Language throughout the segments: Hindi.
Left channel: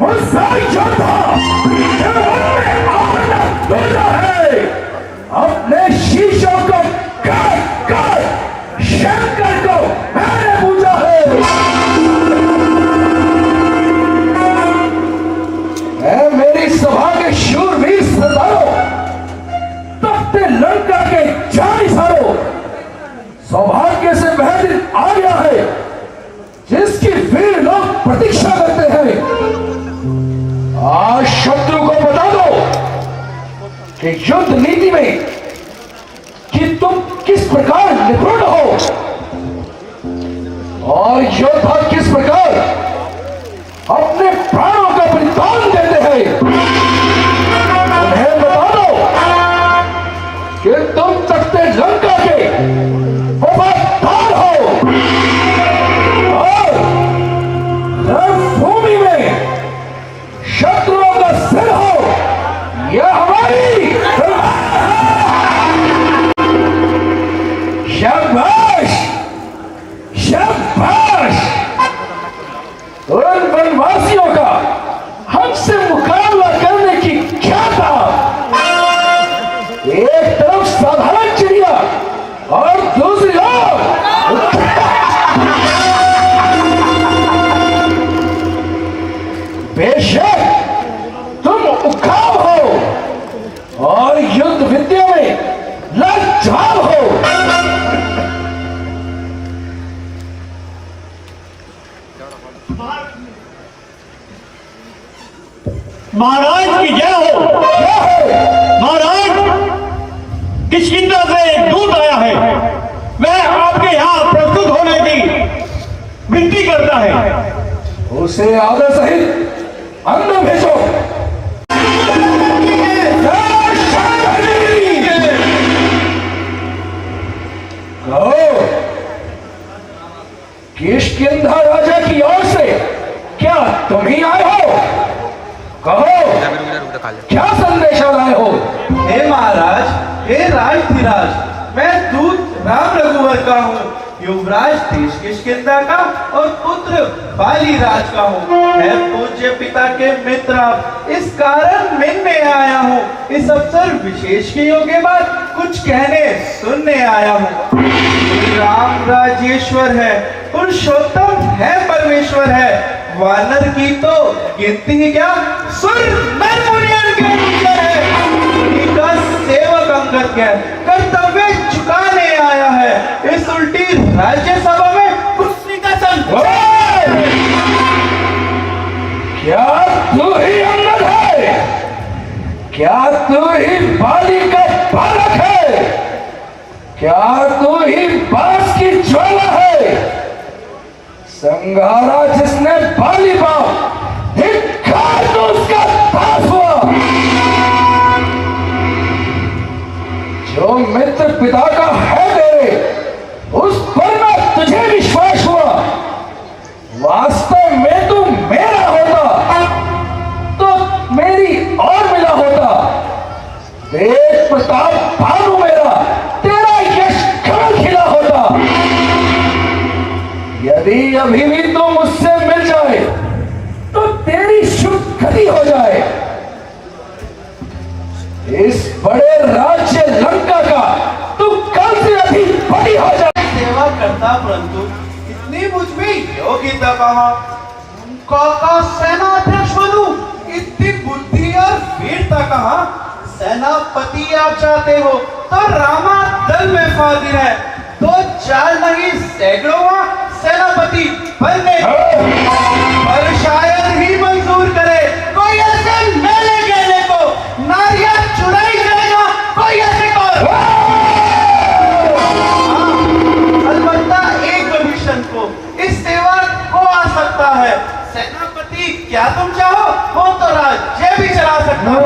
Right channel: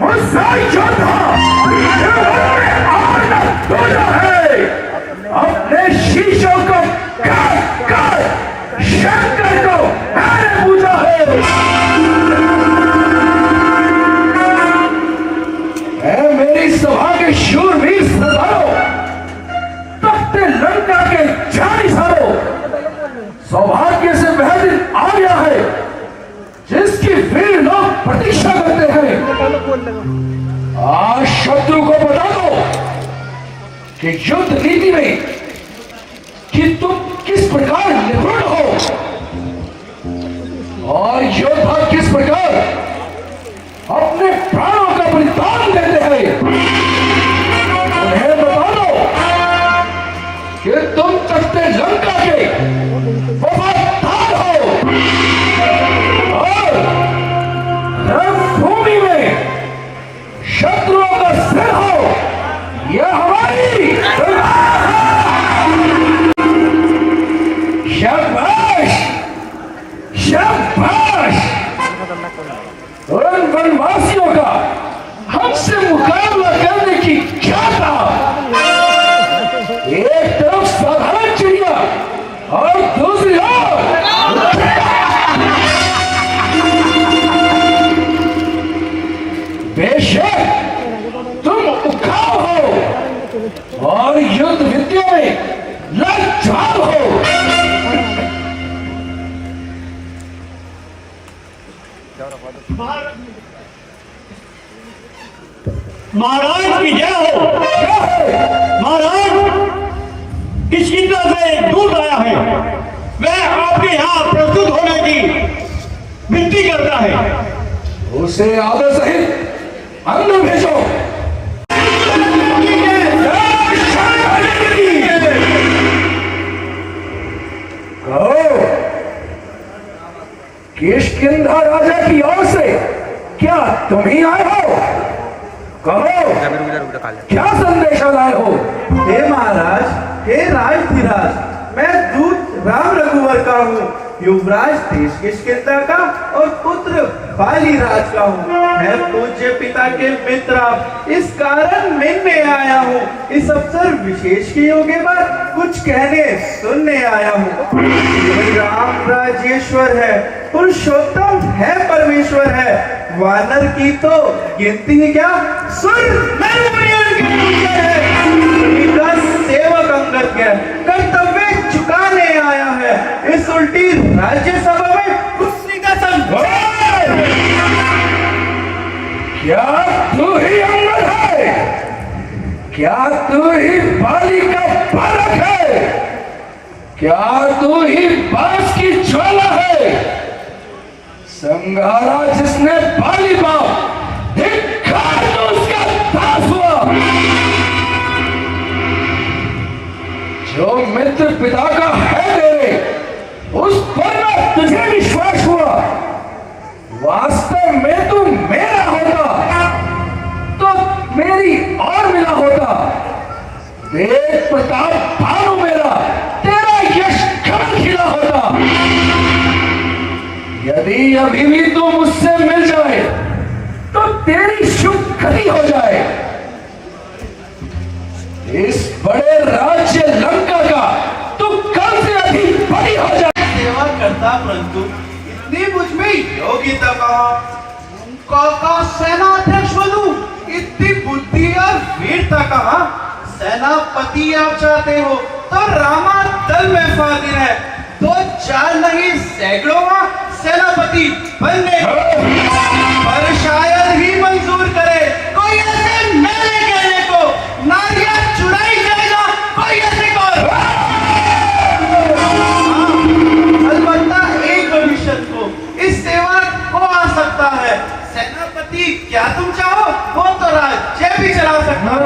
मुसाई योद्धा है अपने शीशों को काट कर शंकर को मैंने पूजा है। मैं मेरी सभा के शूरवीर सरदारों, तख्ते लंका के जानिसारों, सौभाग्य से वह दिन आ गया है जिसकी वीर लोग प्रतीक्षा करते हैं। आज शत्रु को बता दो कि युद्ध नीति में कि तुम किस प्रकार निपुण हो और योद्धा किस प्रकार अपने प्राणों का बलिदान देते हैं। उन्हें बता दो कि तुम तख्ते लंका के वफादार हो और रणभूमि में शत्रुओं का सिर हो। यह हमारी शाबाश शाबाश। उन वनवासियों का हमसे मुकाबला करने की क्षमता, एक तरफ साधारण चिड़िया और दूसरी ओर बेशक तुम उखाव हो और युद्ध विद्या में लाचार हो। महाराज की जय हो। महाराज किष्किंधा से एक दूत आया है, वह आपके यहाँ प्रस्तुत होने की विनती करता है। उसे आदर सहित अंदर भेजो। किष्किंधा राजा की ओर से क्या तुम ही आए हो? कहो क्या संदेशा लाए हो? हे महाराज, हे राजधिराज, मैं दूत राम रघुवर का हूँ, युवराज देश किष्किंधा का और पुत्र बाली राज का हूँ। मैं पूज्य पिता के मित्र, इस कारण मिलने आया हूँ। इस अवसर विशेष के योग के बाद कुछ कहने सुनने आया हूँ। राम राजेश्वर है, पुरुषोत्तम है, परमेश्वर है। वानर की तो गिनती ही क्या, सुन मैं सेवक अंगद है, कर्तव्य चुकाने आया है। इस उल्टी राज्यसभा में कुर्सी का क्या तू ही अंगद है? क्या तू ही बाली का बालक है? क्या तू ही बांस की ज्वाला है? संघारा जिसने बाली का धिक्कार तो उसका पास हुआ। जो मित्र पिता का है तेरे, उस पर मैं तुझे विश्वास हुआ। वास्तव में तू मेरा होता तो मेरी और मिला होता। वेद प्रताप भानु मेरा, तेरा यश कमल खिला होता। यदि अभी भी तू मुझसे मिल जाए तो तेरी शुभ गति हो जाए। इस बड़े राज्य लंका का तू कल से अधिपति हो जाए। सेवा करता परंतु इतनी मुझ में योग्यता कहाँ, सेनाध्यक्ष बनूं, इतनी बुद्धि और वीरता कहाँ। सेनापति आप चाहते हो तो रामा दल में फादिर है, तो चार नहीं सैकड़ों सेनापति बनने पर शायद ही मंजूर करे कोई ऐसे मेले गेले को। नारियां चुराई जाएगा कोई ऐसे को। अलबत्ता एक विभीषण को इस सेवा को आ सकता है। सेनापति क्या तुम चाहो हो तो राज्य भी चला सकता हूँ।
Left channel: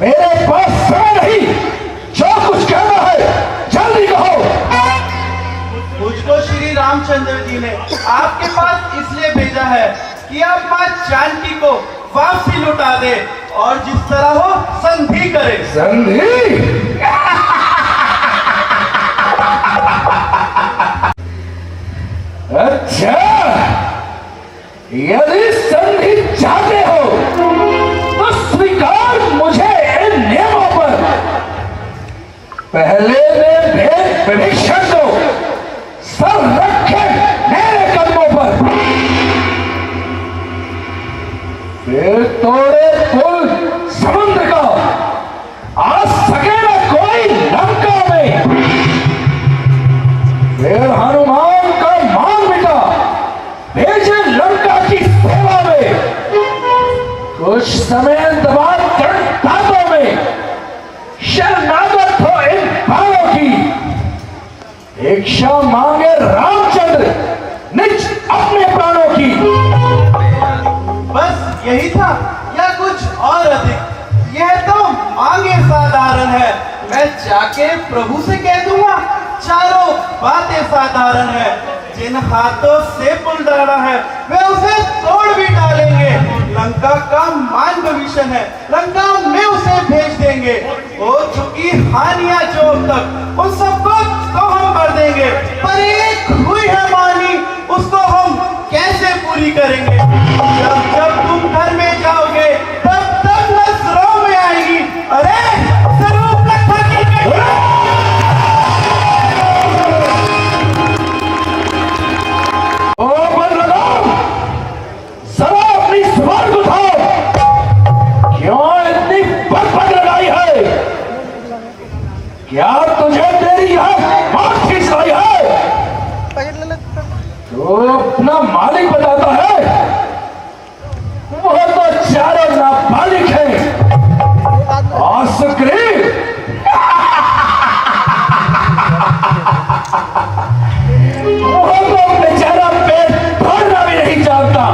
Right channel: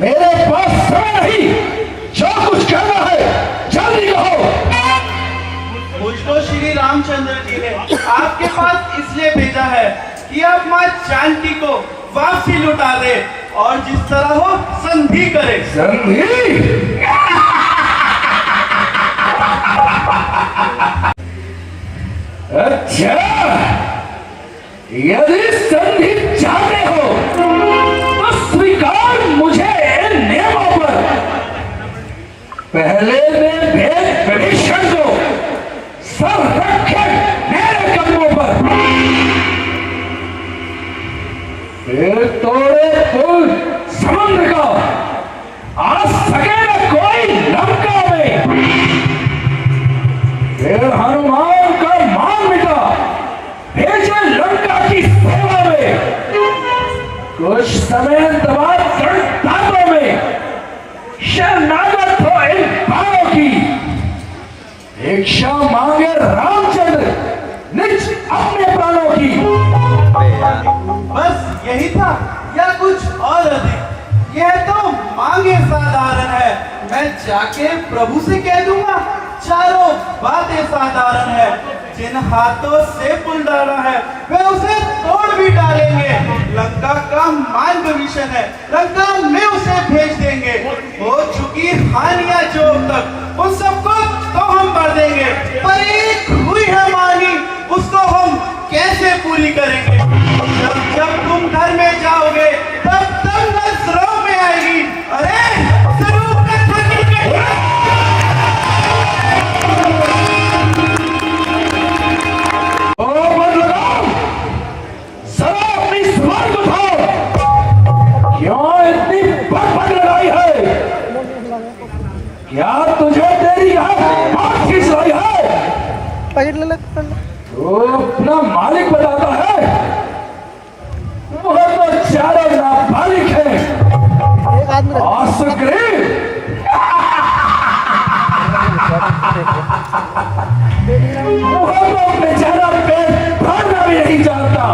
मेरे पास समय नहीं, जो कुछ कहना है जल्दी कहो। मुझको श्री रामचंद्र जी ने आपके पास इसलिए भेजा है कि आप मां जानकी को वापसी लुटा दे और जिस तरह हो संधि करे। अच्छा, यदि संधि चाहते हो तो स्वीकार मुझे इन नियमों पर। पहले ने भेद विभीषण को सर रखे मेरे कदमों पर, फिर तोड़े पुल समुद्र का, आ सके न कोई लंका में, फिर हनुमान का मान मिटा भेजे लंका की सेवा में। कुछ समय बाद रणधारों में शरणागत हो इन बाणों की, भिक्षा मांगे रामचंद्र निज अपने प्राणों की। बस यही था या कुछ और अधिक? यह तो मांगे साधारण है, मैं जाके प्रभु से कह दूंगा। चारों बातें साधारण है, जिन हाथों से पुल डाला है वे उसे तोड़ भी डालेंगे। लंका का मान विभीषण है, लंका में उसे भेज देंगे। हो चुकी हानियां जो अब तक, उन सबको तो हम भर देंगे, पर एक हुई है मानी, उसको हम कैसे पूरी करेंगे? जब तुम घर में जाओगे तब तब नजरों में आएगी। अरे स्वरूप जरा अपनी जुबान को थाम। क्यों इतनी बकबक लगाई है? क्या तुझे तेरी यह बात खींच रही है? तो अपना मालिक बताता है, वह तो चारों नाबालिग है। और सुग्रीव वह तो बेचारा पेट भरना भी नहीं जानता।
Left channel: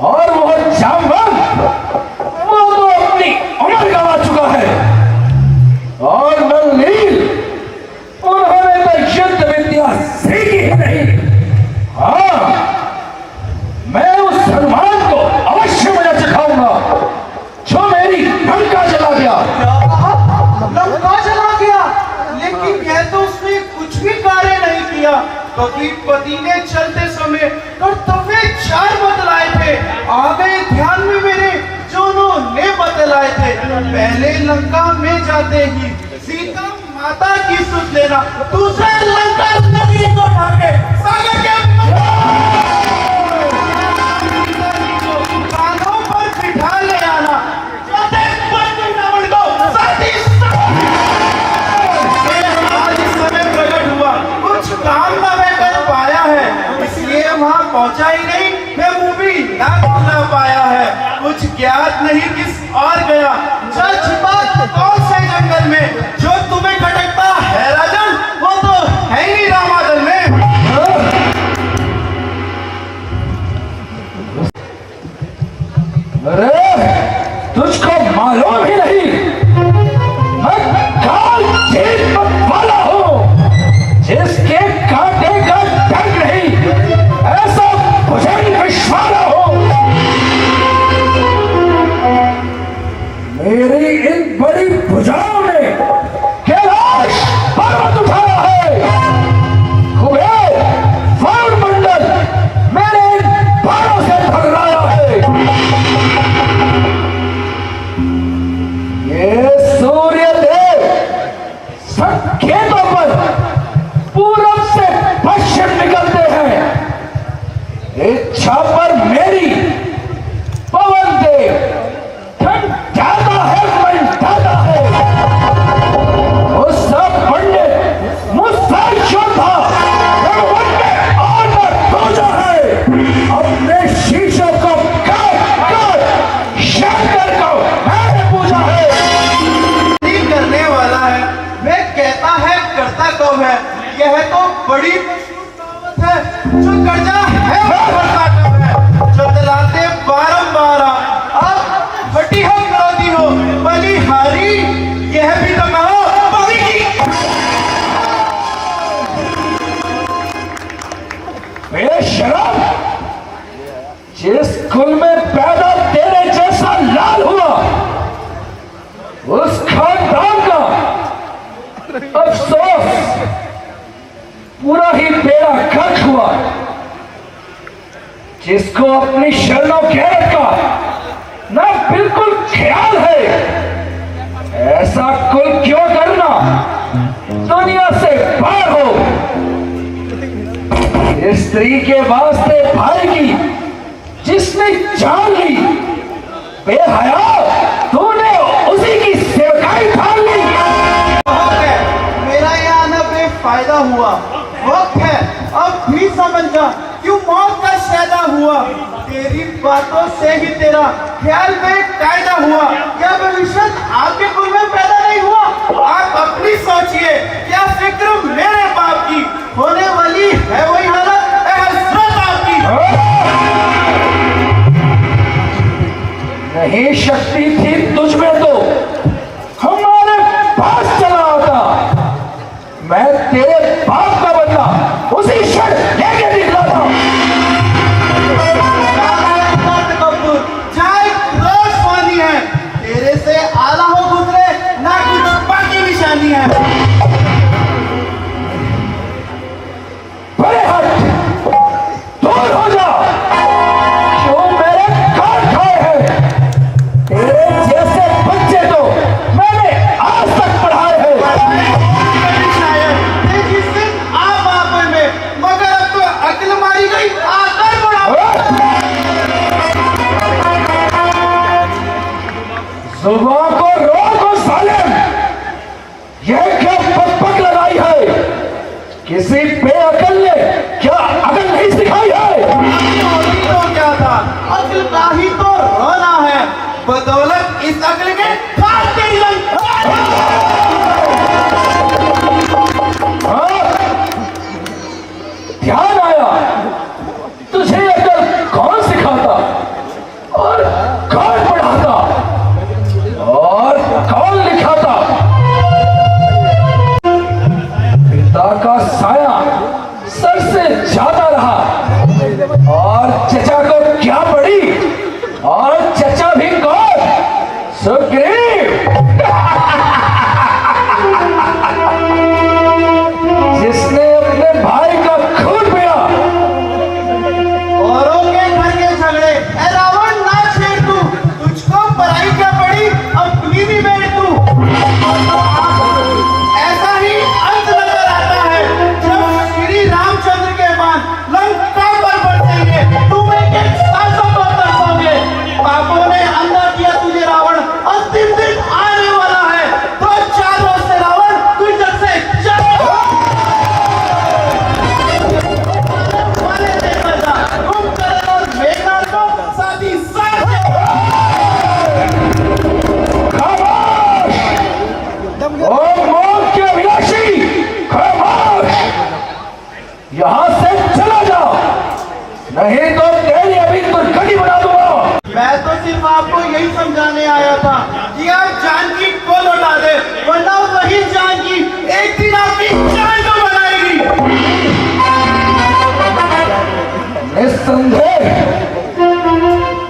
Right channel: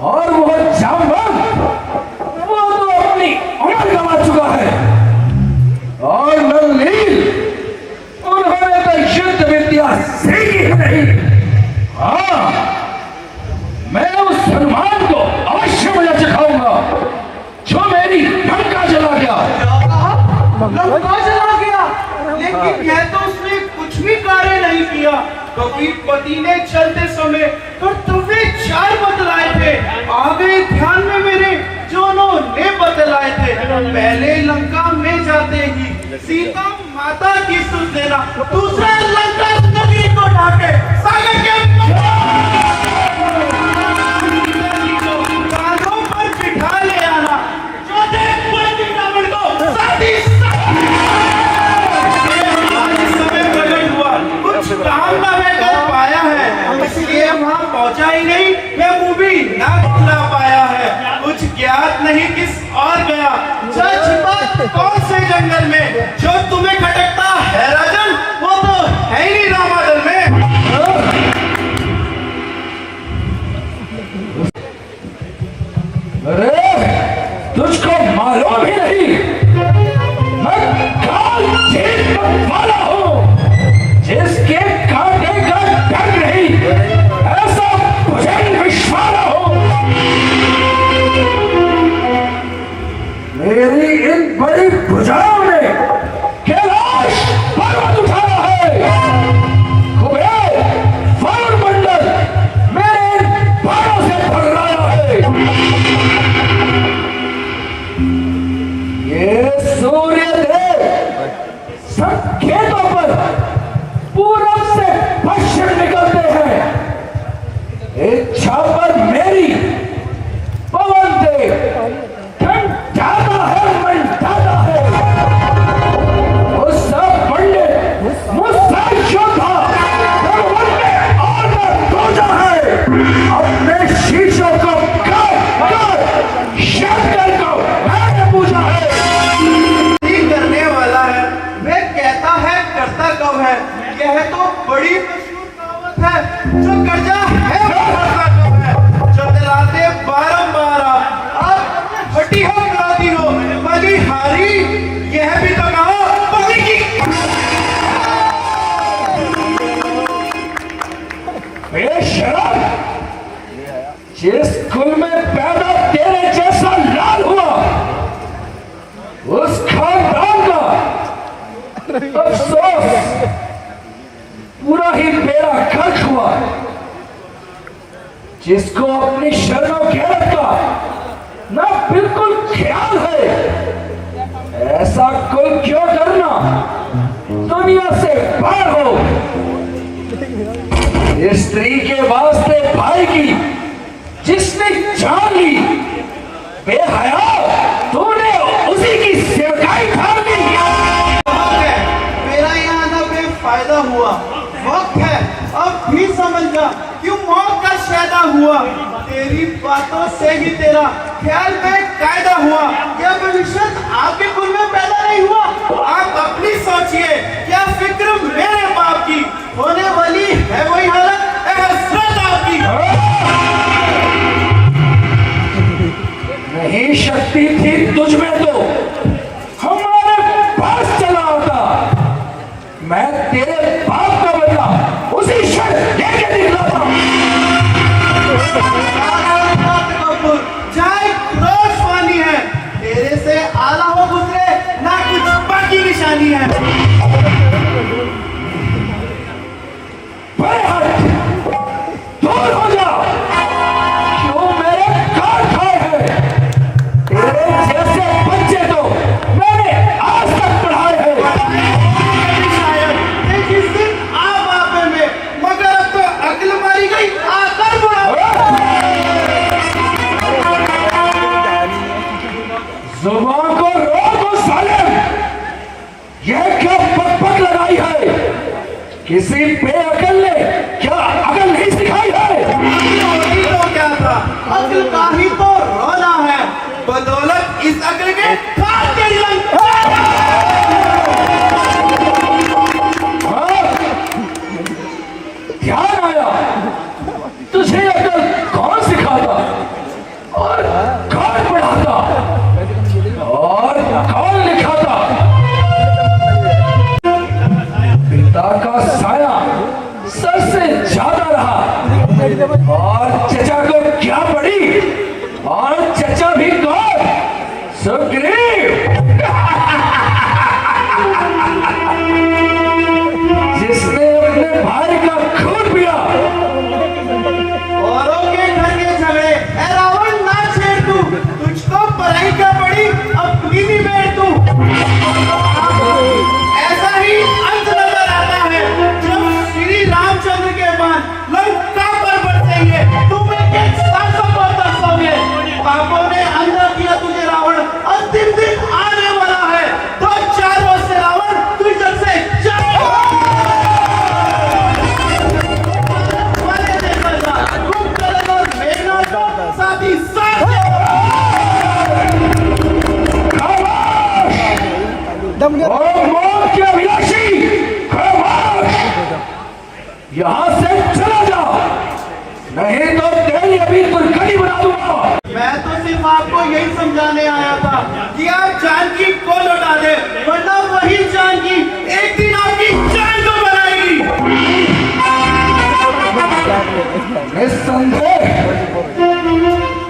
और वह जामवंत, वो तो अपनी उम्र गंवा चुका है। और नलनील, उन्होंने तो युद्ध विद्या सीखी ही नहीं। हाँ, मैं उस हनुमान को अवश्य मजा चखाऊंगा जो मेरी लंका चला गया। लंका चला गया, लेकिन यह तो उसने कुछ भी कार्य नहीं किया। कभी पति ने चलते समय कर्तव्य 4 बतलाए थे, आगे ध्यान में मेरे जो उन्होंने बतलाए थे। पहले लंका में जाते ही सीता माता की सुध लेना, दूसरे लंका नगरी को ढाके सागर के कांधों पर बिठा ले आना, चौथे बंदी रावण को साथी आज इस समय प्रकट हुआ, कुछ काम ना मैं कर पाया है, इसलिए वहां पहुंचा ही नहीं, मैं मूवी ना बुला पाया है। कुछ ज्ञात नहीं किस और गया, छिपा कौन से जंगल में, जो तुम्हें खटकता है राजन, वो तो है ही रामादल में। अरे तुझको मालूम ही नहीं, मैं काल जेल वाला हूँ, जिसके कांटे का डर नहीं, ऐसा मुझे विश्वास हो। मेरी इन बड़ी भुजाओं ने कैलाश पर्वत उठाया है, कुबेर वायुमंडल मेरे इन बाणों से भरमाया है। ये सूर्यदेव संकेतों पर पूरब से पश्चिम निकलते हैं, इच्छा पर मेरी पवन देव ठंडाता है, मंडाता है। मुझसे पंडित, मुझसे योद्धा, उनमें और न दूजा है। अपने शीशों को काट शंकर को मैंने पूछा है। नहीं करने वाला है, वे कहता है करता कौन है? यह तो बड़ी मशहूर कहावत है, जो कर्जा है वो करता कौन है, जो दिलाते 12 अब फटी हो विरोधी हो बलिहारी, यह भी तो कहा बलि की। बेशरम, जिस कुल में पैदा तेरे जैसा लाल हुआ, उस खानदान का अफसोस पूरा ही बेड़ा गर्क हुआ। जिसको अपनी शरणों गैरत का ना बिल्कुल ख्याल है, ऐसा कोई क्यों करना दुनिया से बाहर हो। इस स्त्री के वास्ते भाई की जिसने जान ली, बेहया तूने उसी की सेवकाई ठान ली। मेरा यहाँ आना बेफायदा हुआ। वक्त है अब भी समझ जा क्यों मौत का शैदा हुआ। तेरी बातों से ही तेरा ख्याल में कायदा हुआ। क्या भविष्य आपके कुल में पैदा नहीं हुआ? आप अपनी सोचिए, क्या फिक्र मेरे बाप की होने वाली है वही हालत है हसरत आपकी। नहीं शक्ति थी तुझ में तो हमारे पास चला होता। मैं तेरे बाप का बता उसी क्षण लेके निकला था। जाए रोशवानी है, तेरे से आला हो गुजरे ना कुछ बाकी निशानी है। बड़े हट, दूर हो जा। क्यों मेरे कान खाए हैं? तेरे जैसे बच्चे तो मैंने आज तक पढ़ाए हैं। जिस दिन आप आपे में मगर अब तो अकल मारी गई आकर बुलाओ। जुबान को रोको सालिम। यह क्या पकपक लगाई है? किसी बेअकल ने क्या अकल नहीं सिखाई है? तो क्या था, अकल का ही तो रोना है। बदौलत इस अकल के फाटे लग। हाँ? ध्यान आया? तुझे अकल कौन सिखाता और कौन पढ़ाता और कौन लिखाता? पिता का साया सर से ज्यादा रहा और चचा को क्या पड़ी? और चचा भी कौन? सुग्रीव। जिसने अपने भाई का खून पिया। औरों के घर के झगड़े ऐ रावण ना छेड़ तू। तुझको पराई क्या पड़ी, अपनी भी बैठ तू। ऐसा ही अंत नजर आता है जब श्री रामचंद्र के बाण लंका पर बरसेंगे। तुम एक सासों को दर्शाओगे। पापों ने अंधा किया तुझे रावण, अंतिम दिन आने वाला है। तो चारों से रावण तुझ जग से जाएगा। वाले देखा जा, तुम करे और मेघनाथ को साथ ही साथ ओ मौत के अभिलाषी, खामोश! यहां से चला जा, नहीं तो तेरी अभी दुर्गति बना दूंगा। मैं तो सिर्फ आपको यही समझाने आया था कि आप जानकी को लौटा दे, वरना वही जानकी एक दिन आपकी जान को बनाएगी। निस्संदेह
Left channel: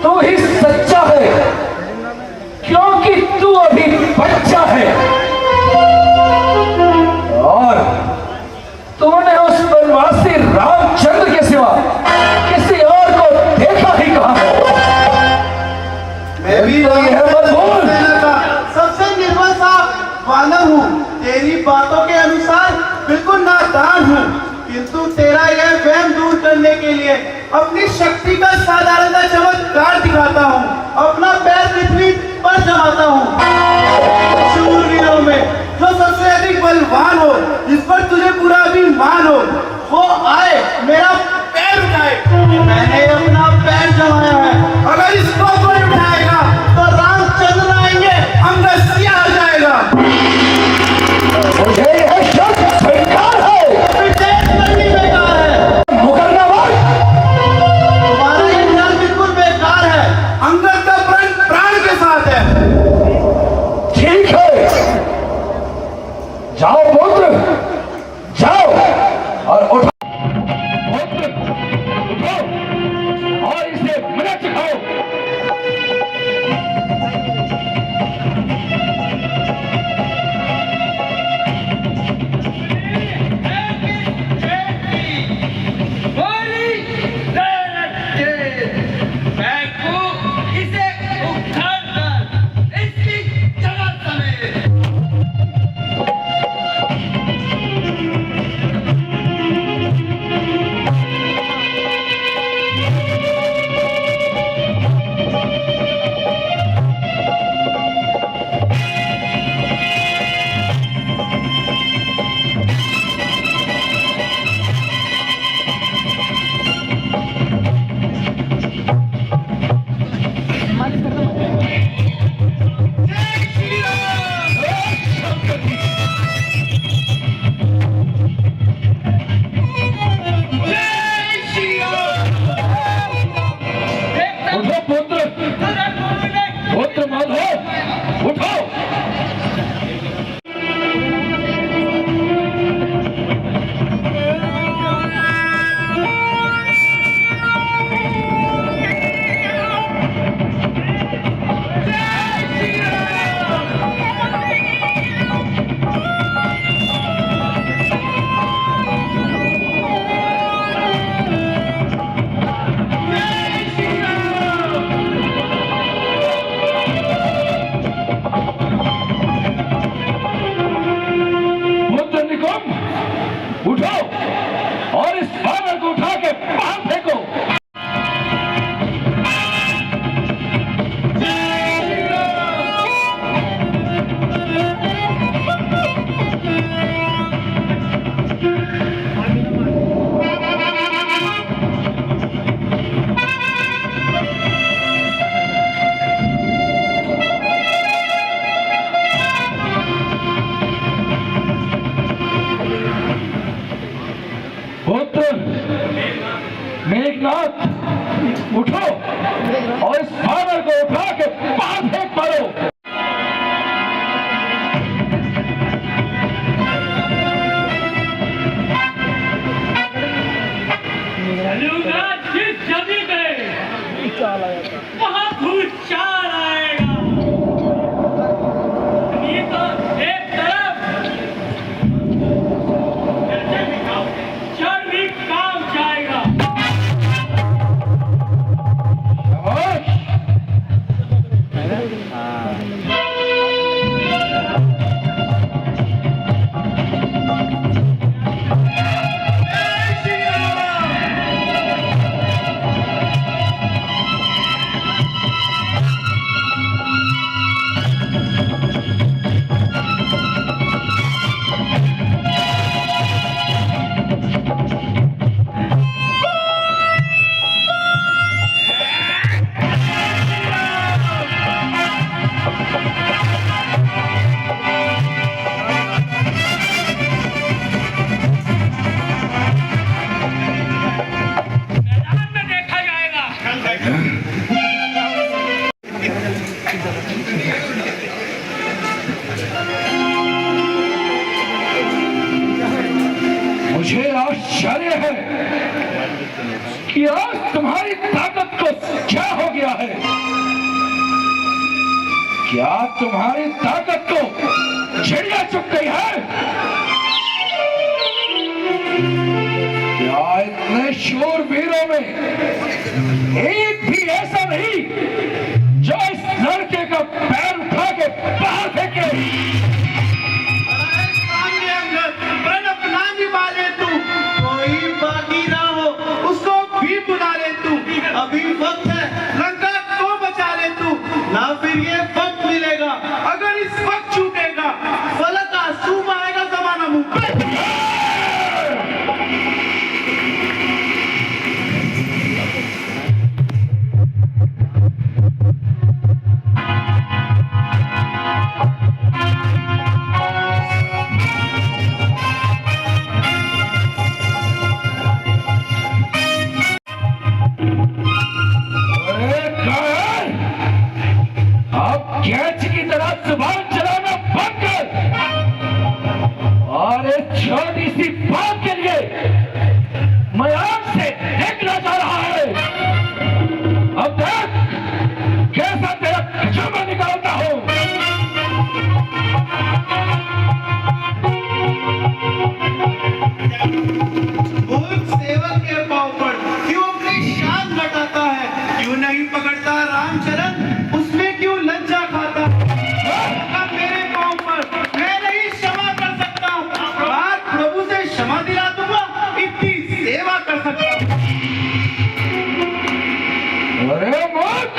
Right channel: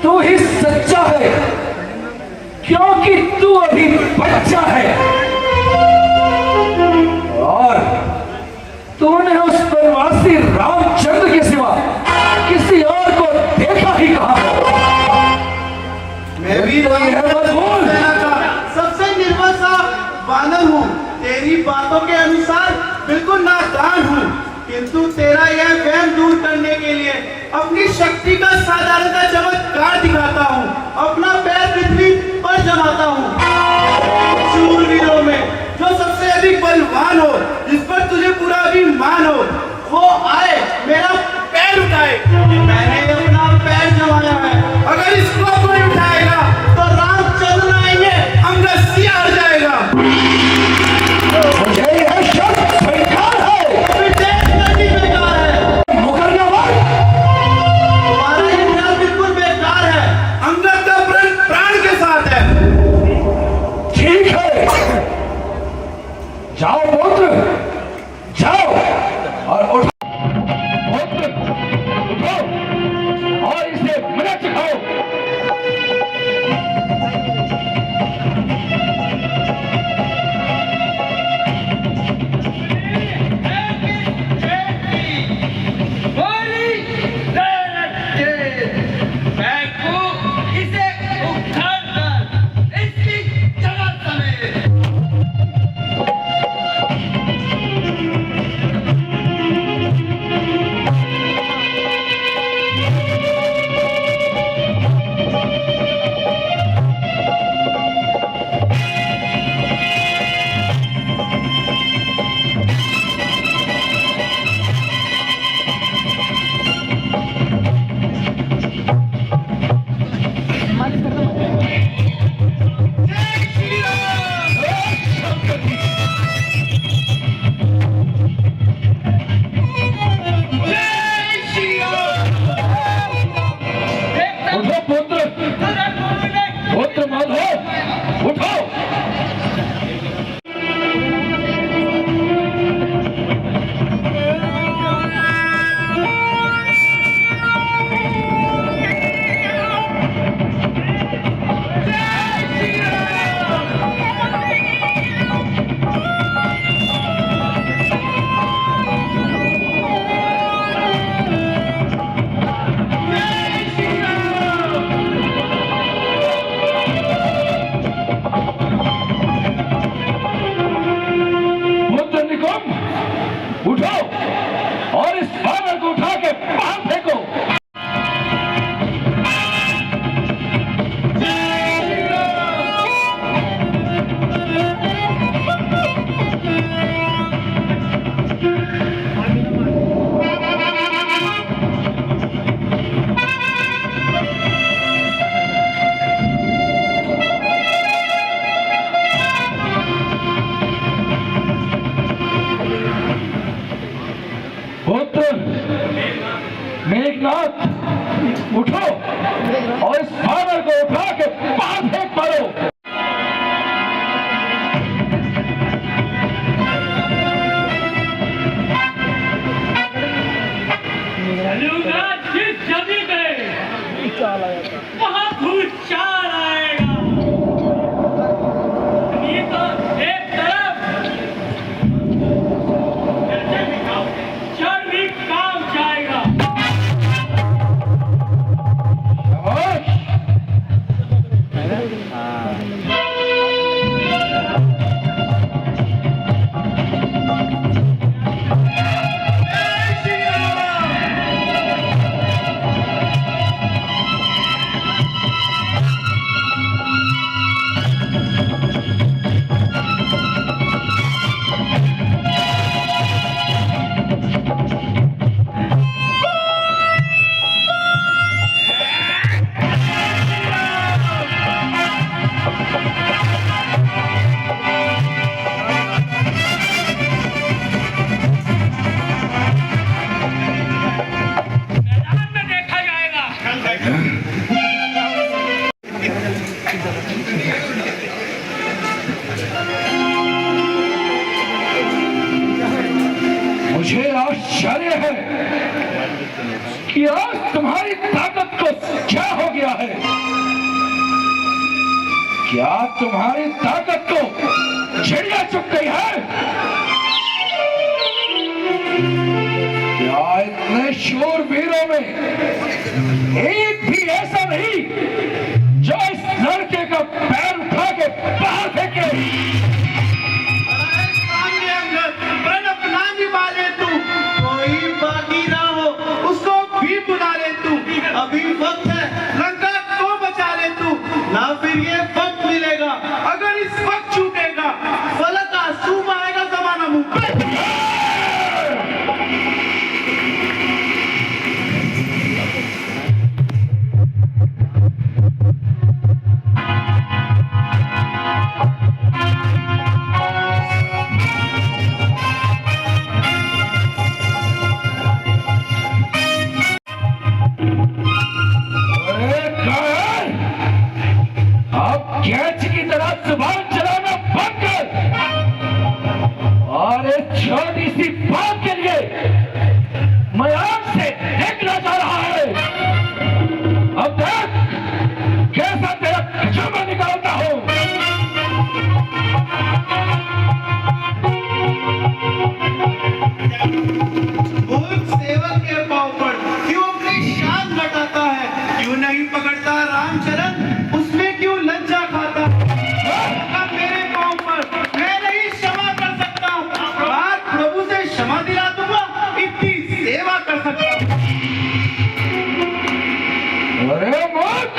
तू ही सच्चा है, क्योंकि तू अभी बच्चा है और तूने उस परमासी रामचंद्र के सिवा किसी और को देखा ही कहा है। मैं भी नहीं है मजबूर। सबसे निर्बल सा वानर हूँ। तेरी बातों के अनुसार बिल्कुल नादान हूँ, किंतु तेरा यह वहम दूर करने के लिए अपनी शक्ति का साधारण सा चमत्कार दिखाता हूँ। अपना पैर पृथ्वी पर जमाता हूँ। शूरवीरों में जो सबसे अधिक बलवान हो, जिस पर तुझे पूरा अभिमान हो, वो आए मेरा पैर उठाए। मैंने अपना पैर जमाया है। अगर इसको कोई उठाएगा तो रामचंद्र आएंगे, आपका सिया हो जाएगा। मुझे यह शब्द स्वीकार है। बेकार है। मुकरना बात। तुम्हारा ये ख्याल बिल्कुल बेकार है। अंगद का प्रण प्राण के साथ है। ठीक है, जाओ पुत्र, पुत्र मेघनाथ, उठो और इस वानर को उठा के बाहर फेंक मारो। जिस जमीन में वहाँ भूचाल आएगा। ये तो एक तरफ जल भी काम जाएगा। मुझे आश्चर्य है कि आज तुम्हारी ताकत को क्या हो गया है। क्या तुम्हारी ताकत को चिड़िया चुप गई है? क्या इतने शूरवीरों में एक भी ऐसा नहीं जो इस लड़के का पैर उठा के बाहर फेंके? अभी वक्त है, लंका को बचा ले तू, ना फिर ये वक्त मिलेगा। अगर इस वक्त छूटेगा फलक आंसू आएगा जमाना मुंह पे। कैच की तरह जुबान चलाना बंद कर और एक छोटी सी बात के लिए मैं आपसे देखना चाह रहा है। अब देख कैसा तेरा खजाना निकालता हूं। सेवक के पांव पर क्यों अपनी शान घटाता है? क्यों नहीं पकड़ता रामचरण? उसमें क्यों लज्जा खाता? मेरे पांव पर मैं नहीं क्षमा कर सकता। बात प्रभु से क्षमा दिला दूंगा, इतनी सेवा कर सकता हूं। अरे मूर्ख,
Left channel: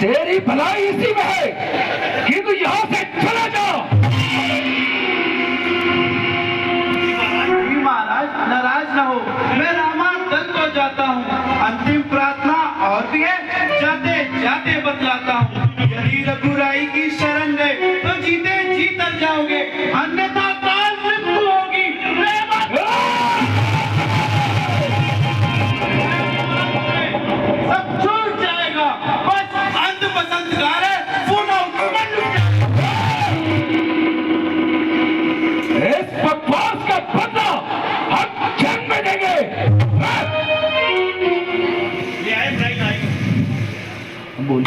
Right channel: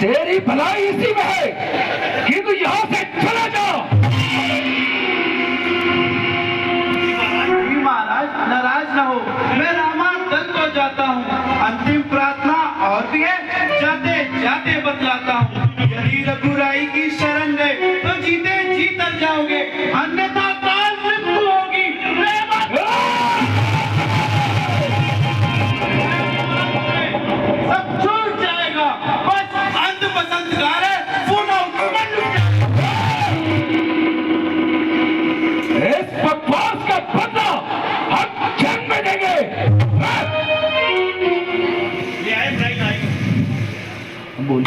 तेरी भलाई इसी में है कि तू यहां से चला जा। महाराज नाराज न हो, मैं रामायण को जाता हूँ। अंतिम प्रार्थना और भी है, जाते जाते बतलाता हूँ। यदि रघुराई की शरण गए तो जीते जी तर जाओगे, अन्यथा काल मृत्यु होगी। सब छूट जाएगा, बस अंध पसंद गारे इस बकवास का बदला हम जन्म में देंगे। बोल